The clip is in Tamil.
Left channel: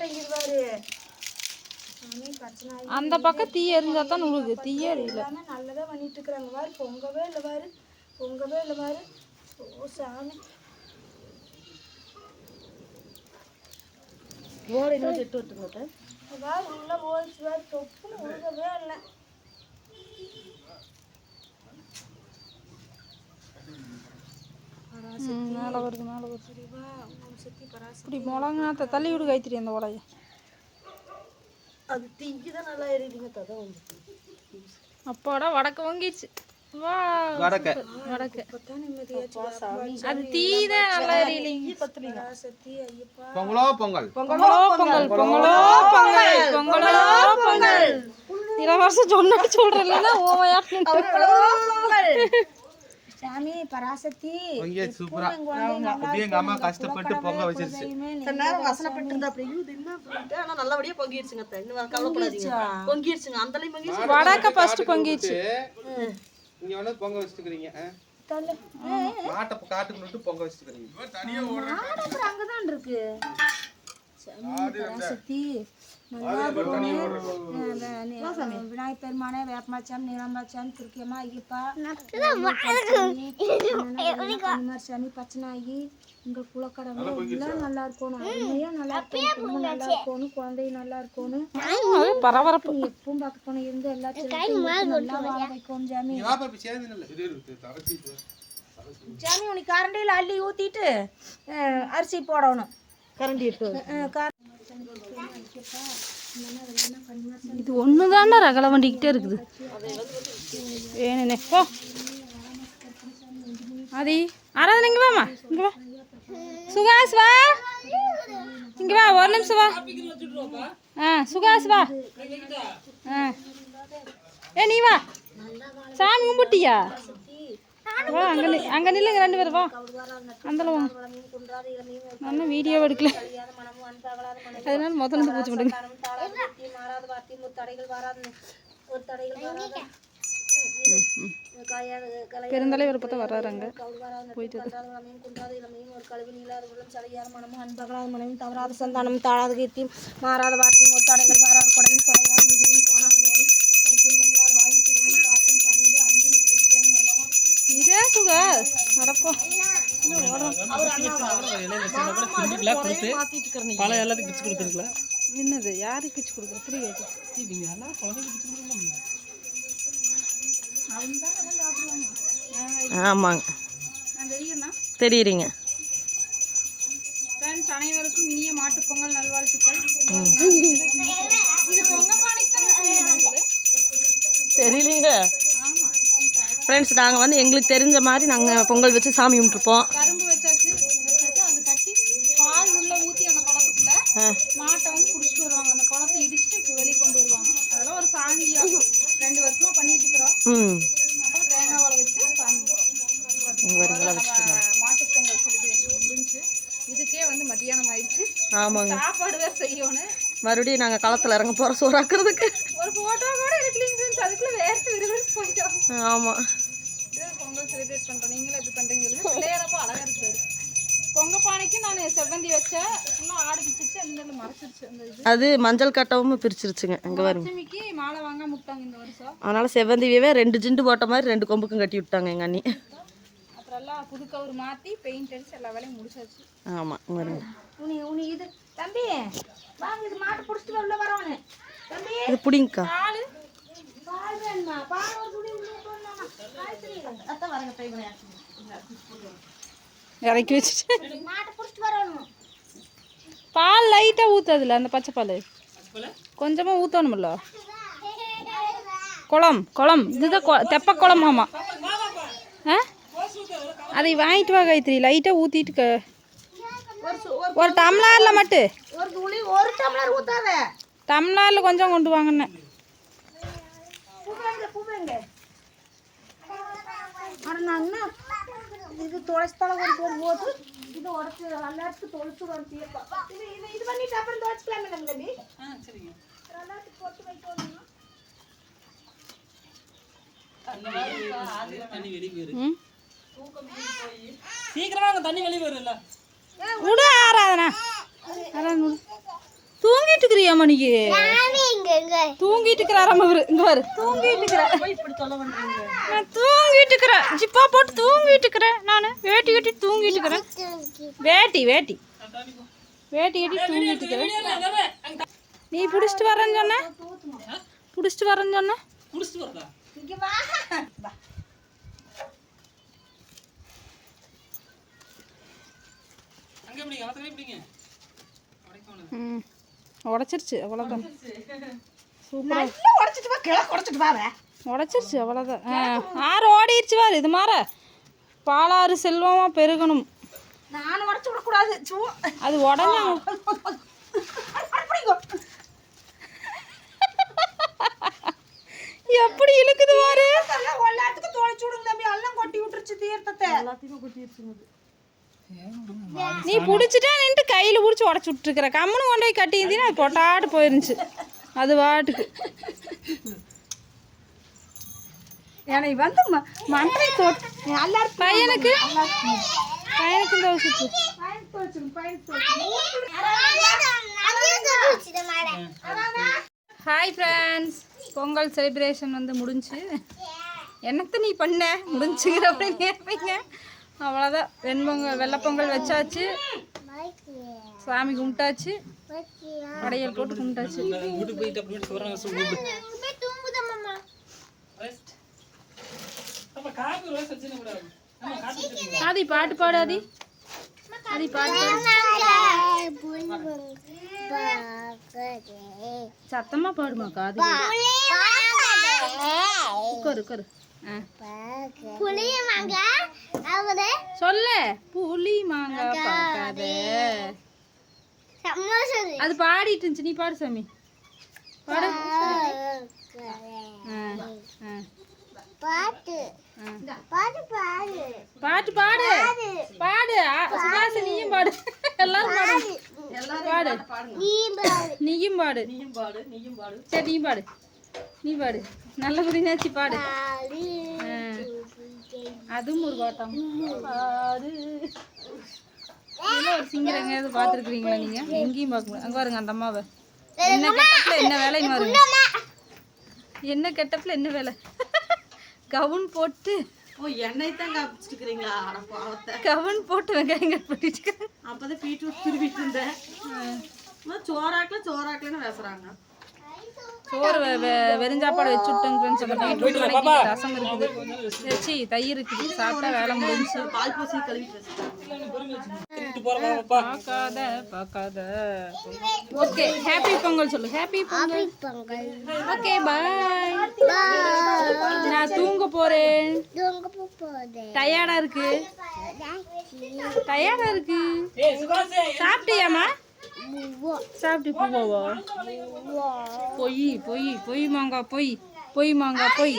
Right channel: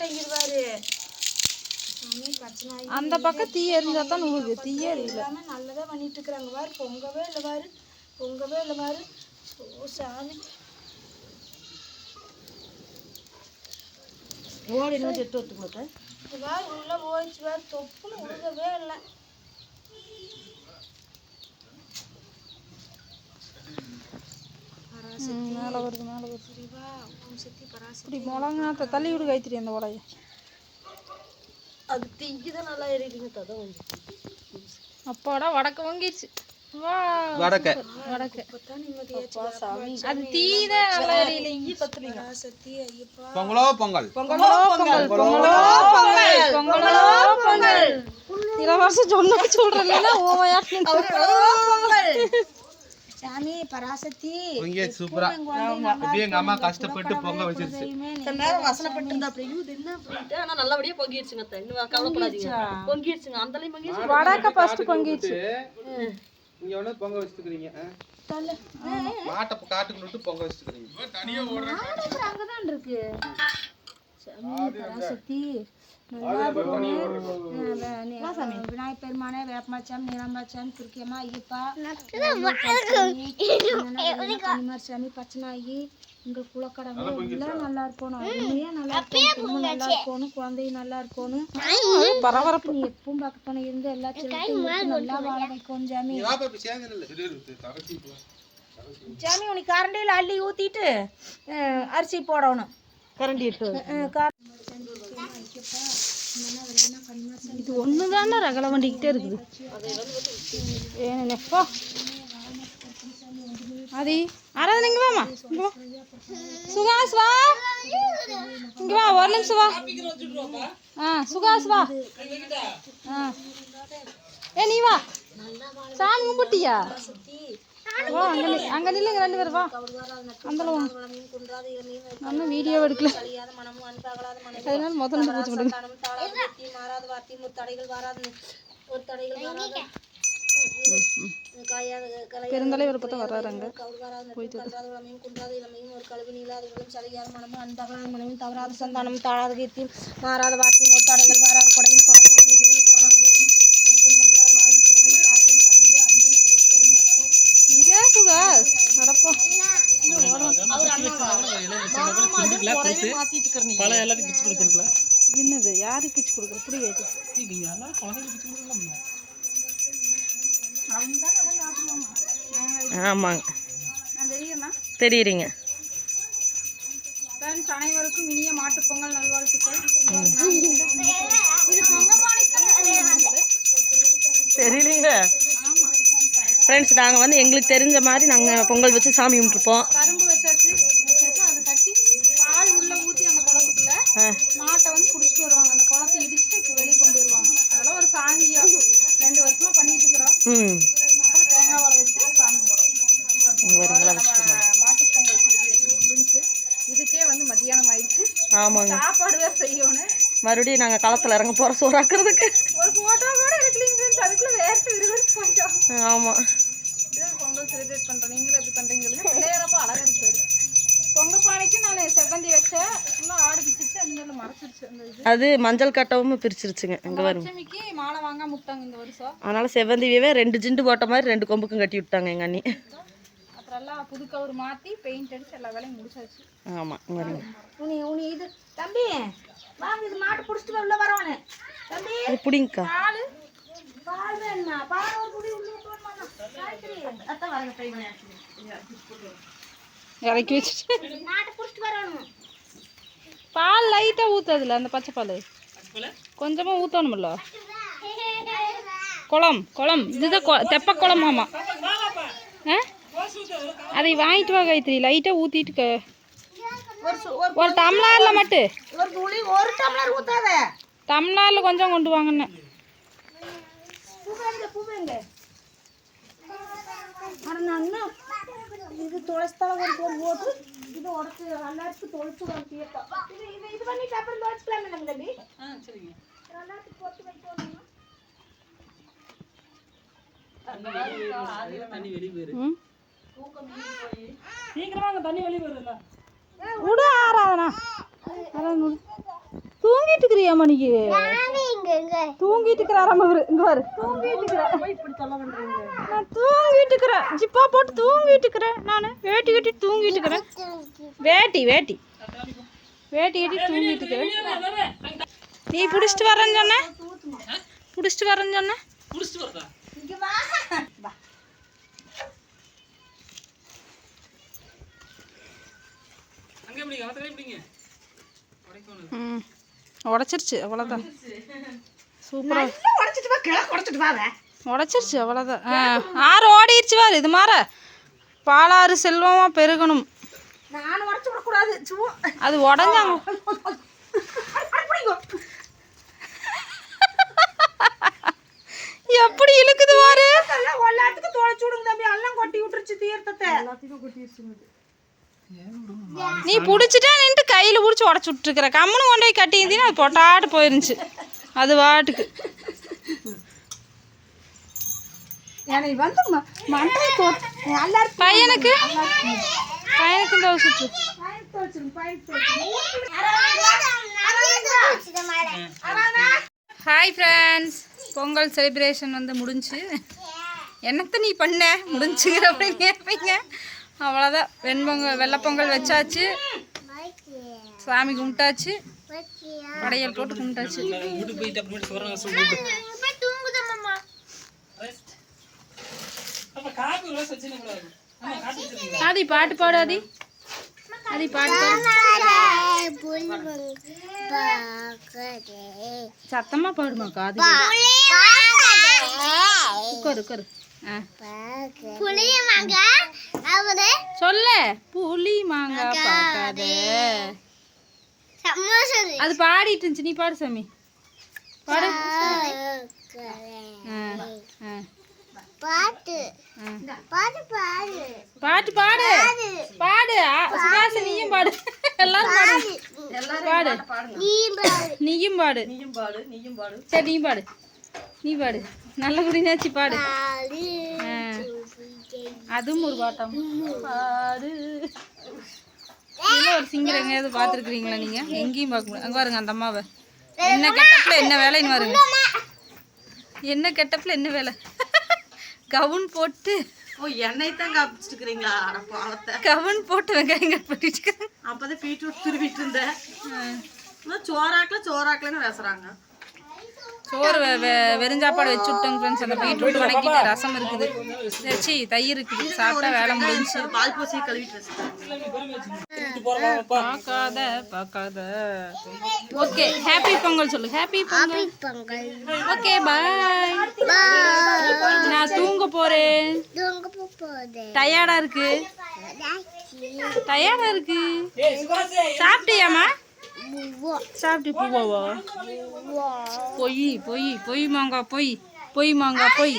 மாட்டேங்குது பாரு. அந்த பக்கம் தீ எரிஞ்சா தான் உழுது. தீயே எரியல. நல்லதா பண்ணிட்டு இருக்கிறாங்க பாரு. பொங்கவே இல்லை பாரு. பொங்கவே இல்லை பாரு. ஓ சாமி. ஓடு இன்னும் எட்டு வந்துட்டு பாரு உள்ள போயிடுச்சு பாரு. தொப்புன்னு உழுகவே இல்லை. மேலே வருது மேலே வருது. இப்படி மிளகுனாத்த தள்ளி விடு கைத்திரி அந்த உலைய. அது தீக்குதான் நல்லா ஏறிடுங்க கதை வந்து. அப்பாடா வடக்கு வாங்கிடுச்சு. வா வடக்கு வடக்கு. அது தீதான் நல்லா எரியலைங்க. பொங்கலோ பொங்கல் பொங்கலோ பொங்கல் பொங்கலோ பொங்கல் பொங்கலோ பொங்கல். இளவரசம் சொன்ன சொல்றேன்னா ஓமையாட்டு சாமி பராசக்தி. இங்கே சூப்பரா அப்படியே எங்க அம்மா கஷ்டப்பட்டு பொங்க வச்சிருச்சு. வசனப்பட்டு இருந்தா அப்படி இது என்ன அப்படின்ட்டு ஆனா நல்லபடியா பொங்கிடுச்சுங்க. இன்னும் கவலைப்படாதீங்க. பொங்கிடுச்சுங்க. அந்த அளவு பொங்கிடுச்சு. வடக்க ஃபர்ஸ்ட் பொங்கிடுச்சு. இங்க வந்து பொங்க வச்சிருக்கீங்க. மாட்டை காட்டுக்குள்ள விட்டு பொங்க வச்சிருக்கீங்க. அங்கதான் இருக்கு. சாமி பராசக்தி நல்லா இருக்கணும். விநாயகர் பெருமானே வேப்பமாச்சாமி நீலாம்பாச்சாமி துர்க்கியம்மா ஐயப்பா கனிமார் சாமி பச்சனாகி எங்கள் குலக்கடவுளை எல்லாம் நல்லா இருக்கணும். அருமையாக நல்லா இருக்கணும். நல்லா இருக்கணும். குழந்தையும் நல்லா இருக்கணும். பரபரப்பு. நீ எப்பவும் பக்கத்துல இருந்து எல்லா சிலத்தையும் நல்லா வாழ வைக்கணும் சாமி. சாமி உனக்கு கரண்டியில் அள்ளி ஊற்றிட்டு அரிசி போடணும். கரண்டி இட்டு இது ஒன்று தானே ரகலை வண்டிக்கிட்டே இருக்குது. வேணுண்ணே போ அது ஆராதனை. இங்கே வாமா. இங்கே வா சுகாஸ் வா. இங்கே வா ஒரு நிமிஷம் வா. சுகாஸ் வா. நீ வா. சாமி கும்பிட்டியா? வா அங்கே நில்லுங்க ரெண்டு பேரும். வா அந்தல வா. நான் வீடியோ எடுக்கல அதனால முதல்ல பூச்சி விடுங்க. பெருந்தலைவர் பார்த்தா வர்றாங்க. போயிட்டு ஒரு கழுவு நீளாத உடலும் சலையாத மனமும் அன்பகலாத மனையும் தவறாத சந்தானமும் தாழாத கீர்த்தியும் மாறாத வார்த்தையும் ஒரு தடைகள் வராத கொடையும் தொலையாத நிதியும் போனாலும் துன்பங்களால் வாழ்க்கையும் காற்றும் பணிந்து அஞ்சு இதே சுகாஸ் நடப்போம். என்னது யாருக்கு கிச்சு கொடுக்குற புரியாது. ஆமாங்க தெரியுறீங்க. ஃப்ரெண்ட்ஸ் அனைவருக்கும் இனிய மாட்டுப்பொங்கல் நல்வாழ்த்துக்கள். இது தெரியலீங்க ஃப்ரெண்ட்ஸ். நாங்கள் வந்து எங்களுக்கு தெரிஞ்ச மாதிரி நாங்கள் பொங்கல் வச்சு சாமி கும்பிட்டுருப்போம். கரும்பு வச்சாச்சு. அதை கட்டி பால் உள்ள ஊற்றி அந்த குளத்துக்குள்ள மாட்டை வந்து பிடிச்சிட்டு வருவாங்க. அந்த குளத்தை இடிச்சுட்டு இப்போ வெளியே கொண்டு வருவாங்க. அதெல்லாம் ஒரு சாங்கியம் 2 வருஷமா பண்ணிட்டு இருக்கிறோம். அப்புறம் தேங்காய் வாழை வச்சு சாமி போகிறோம். மாட்டுப்பொங்கல் செலிப்ரேஷன் முடிஞ்சு இதுக்கே வந்து மத்தியானம் ஆயிடுச்சு. ஆமாங்க சாப்பாடு தான் செய்யணும். மறுபடியும் நாங்கள் களத்தில் இறங்க போகிறோம் சோறாக்குறதுக்கு. ஒரு ஃபோட்டோ கூட எடுக்கலீங்க. அதுக்குள்ளே வேர்த்து விறுவிறுத்து போயிட்டோம். ஆமாம் பொங்கல் செலிப்ரேட் பண்ணுறோம். நீங்களும் எப்படி பண்ணுறீங்க? பிள்ளையரப்போ அழகாக இருப்பாரு. பொங்கல் பானைக்கு நான் செவ்வந்தி வச்சேன். ஃபுல்லாக ஆடு பிடிச்சிருச்சு. அந்த மறைச்சிருச்சு. அந்த இது அது மஞ்சள் கட்டவும் பிரிச்சிருச்சுங்க. அங்கே வரும் லட்சுமிக்கு மாலை வாங்காம விட்டாங்க இந்த வருஷம். அதனால் செவ்வந்தியவே 2 ஜிண்டு போட்ட மாதிரி 2 கொம்புக்கும் கட்டி விட்டாங்க எங்கள் அண்ணி. அப்புறம் எல்லாம் புது கவர் மாற்றி பெயிண்ட் அடிச்சு எல்லா வேலையும் முடிச்சாச்சு. ஆமாம் வருங்க. உனி இது தம்பி வாங்க. இது மாட்டு பிடிச்சிட்டு உள்ள வரவானே தம்பி. இது பிடிங்கக்கா. பால் வேணுமா? பால் ஒரு குடி உள்ள போடணுமா? காய்கறி அதான் வரங்க பையன் இறக்கி வச்சுட்டு மாட்டை பிடிச்சிட்டு வரணும். பால் லைட்டாக ஊற்றுதில்ல அந்த பச்சை பால் கொஞ்சமாக ஊற்றணுமில்ல. குளம் இதுதான் தெப்ப குளமாமா. அதை வாங்கிட்டு வா கைத்திரி. லைட்டாக ஊற்றிட்டு ஒரு டம்ளரில் மட்டும். ஒரு டம்ளர் ஊத்தாத. டம்ளரில் கொஞ்சம் கொண்டு வாங்கன்னு. இது தொலைச்சால ஒரு போட்டு இது உடச்சு எல்லாத்துக்கும் தொலைச்சு ஒரு தீர்ப்பா. இது பண்ணிட்டு அப்புறம் தொலைச்சிக்கலாமே நம்ம தம்பி. சரிங்க. எல்லாத்துக்கும் போட்டு வைக்கணும். தண்ணி வெளியே போயிரு. சீக்கிரமா அங்க தண்ணி வெளியே வரும்ல. விடு ஆராதனா. தூங்கிட்டு இருக்கிறியாமா நீ? தூங்கிட்டு இருக்கிறாராம இவரு. இங்க பாரு, தூங்கிட்டு இருக்கிற. இப்படி தொலை பண்றீங்க? நான் தூங்கிட்டு இருக்கிறேன், ஜிப்பா போட்டு தூங்கிட்டு இருக்கிறேன். நான் வேட்டி கட்டி தூங்கிட்டு இருக்கிறேன். வேட்டி வேட்டி வேட்டி கட்டி தூங்கிட்டு இருக்கிறேன். நீ பிடிச்சிட்டு வரேன்னு சொன்ன, பிடிச்சிட்டு வரேன்னு சொன்ன. உடச்சிருச்சு, அவ்வளோதான். சூப்பரா உடச்சிருச்சு, அவ்வளோதான். ஆறு ஓடிடுச்சு பாரு. இது மாற பாலாறு செல்வமா பெருகணும். நான் உடச்சு விடக்கூடாது. அது உடஞ்சாங்க. எப்படி இழுக்குது பாரு. எல்லாத்துக்கும் தொலைச்சு விடுங்க தம்பி. எல்லாம் கொட்டி விட்டுருச்சு தீர்த்தத்தை. எல்லாத்தையும் கொட்டிடுச்சுங்க. நீ பிடிச்சிட்டா நின்று கையில் பிடிச்சி உடச்சி விட்டுருக்குற. கம்முன்னு கொண்டு போய் கட்டியிருந்தீங்கன்னா அது பொட்டாட்டு போயிருந்துச்சு அது வாட்டுக்கு. என்னை வந்து மண்டை தோட்டு எல்லாரும் பையனுக்கு இந்த சுற்று. ஹாய் ஃப்ரெண்ட்ஸ், பொங்கல் செலிப்ரேஷன் வந்து முடிஞ்சு. என்னத்தை நீ பண்ண முடிஞ்சுங்கிற அப்படின்னு கேட்பீங்க. அவ்வளோதான். வெள்ளைப்பொங்கல் வச்சாச்சு, சாமி கும்பிட்டாச்சு, படையல் போட்டு கும்பிட்டாச்சு. ஆதி பாட்டு பாடாதி, ஆதி பாட்டு சத்தமா பாடுமாக்கா. அது உட்காரு உட்காரு. சொல்ல புளி மாங்காய் பார்க்காத. அது பாடிட்டு இருந்துச்சு, நீ பாடு சாமி. பாடு பாட்டு பாட்டு பாடு பாட்டு பாடு பாடு. சுபாஷ் நீயும் பாடு, எல்லாரும் பாடு. நீயும் பாடு, நீயும் பாடு, நீயும் பாடு. சரி நீ பாடு, நீ பாடு. நல்ல புரிஞ்சாச்சு, பாடு. அதுவும் ஒரு பாட்டம் பாடு. ஒரு சிங்கர் எங்கேயாவது பார்த்துருக்குறீங்களா நீங்க? எங்கேயும் பார்க்க முடியாது. அங்கே பாருங்க அந்த அம்மாவை. என்ன கெட்டப்ல என்ன வேலைன்னு பாருங்க. என்ன கெட்டப்ல என்ன வேலை. கவுன் போட்டு எண்ணெய் தான் காப்பிச்சுக்கிறீங்களா? பாவத்தை கவுன் போட்டு வெங்காயம் கட் பண்ணிட்டு அப்பதான் பீட்ரூட் திருவிட்டு இருந்தேன். சோறாக்கலன்னு பேசுறாங்க. சோறு வெறுஞ்சாப்பாடு வச்சு விட்டோங்க ஃப்ரெண்ட்ஸ். அந்த பீட்ரூட் வதக்கிட்டு ரசம் இருக்குது, வச்சு தயிர் இருக்குது, சாப்பிட்டா வேலை முடிஞ்சு. பால் பூசி கழுவிட்டு பார்க்காத பார்க்காத. ஓகே, ஹாப்பி பொங்கல் சொல்லு. ஹாப்பி பொங்கல். Okay bye. நான் தூங்க போறேன். டயர்டா இருக்கு, டயர்டா இருக்கு. சாப்பிட்டியாமா? சாப்பிட்டு பூவாவா? பொய் பொய் பொய் மாங்கா பொய், பொய் மாங்கா பொய்.